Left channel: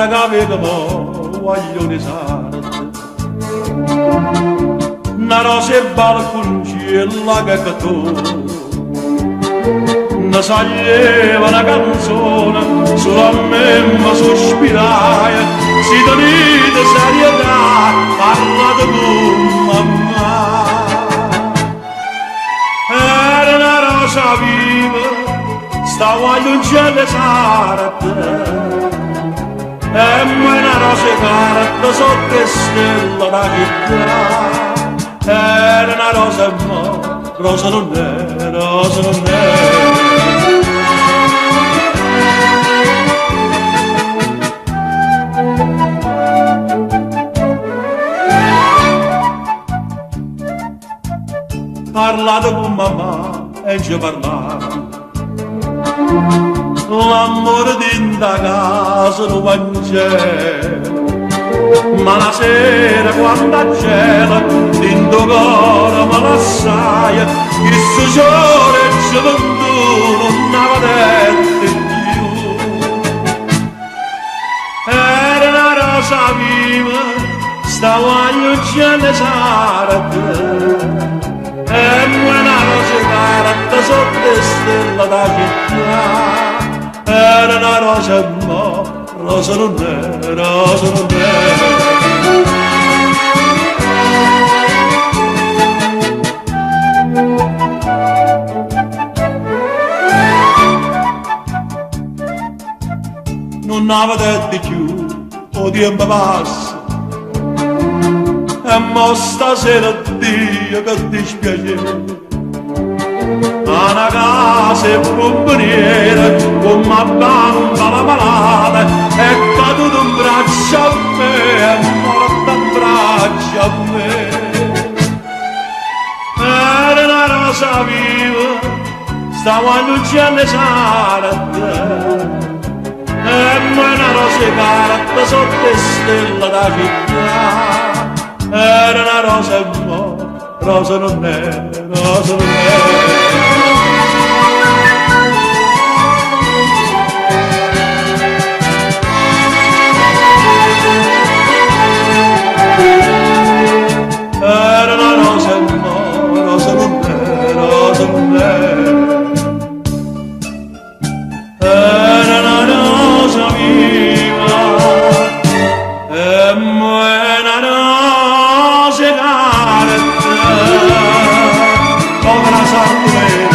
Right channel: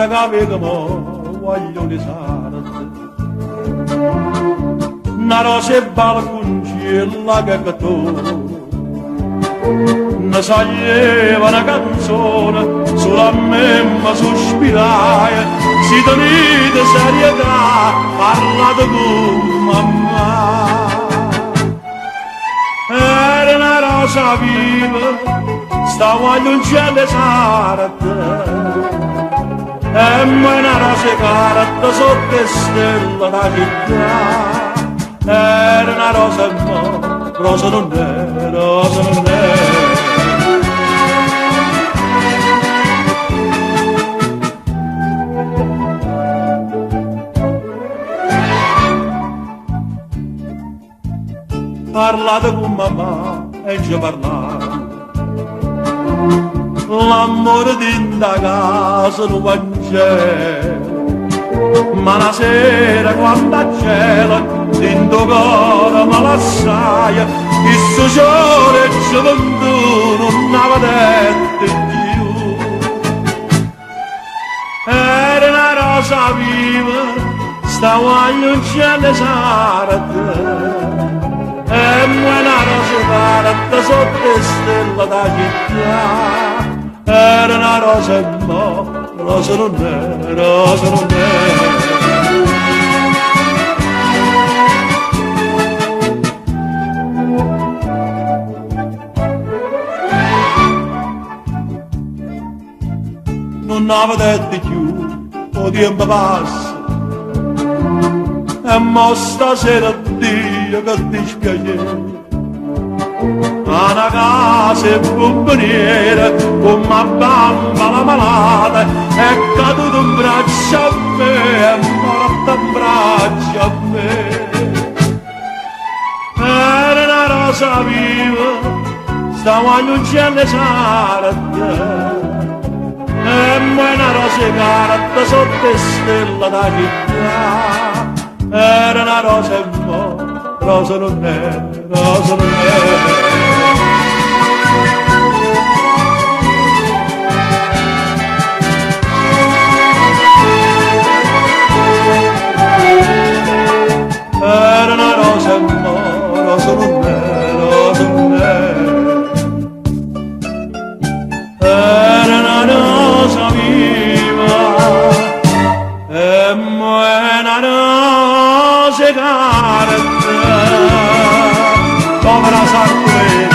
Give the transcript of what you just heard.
ora che vedo guaglione sarate una rosa e balconcella che tu ne saglieva una canzone solo a me mi sospiraia si tenete serietà parlate con mamma era una rosa viva stava all'uccello sarate e mai una rosa carta sotto le stelle da città era una rosa e mo rosa non è, rosa non è parlate con mamma e ci parlate l'amore di casa non va in cielo ma la sera quando a cielo dentro cuore me l'assai il suo sole e gioventù non aveva detto più era una rosa viva stava agli cielo sarate e una rosa carta sotto le stelle da città era una rosa e no, rosa non è, rosa non è non avete più o tempo passa e mo stasera addio che dispiacere a una casa e bomboniera con una bamba la malata è caduto un braccio a me è morto un braccio a me era una rosa viva stava all'uccello sarate e una rosa carta sotto le stelle da città era una rosa e mo rosa non è, rosa non è era una rosa e mo rosa non è, rosa non è era una rosa viva e mo è una rosa carta come la sartulera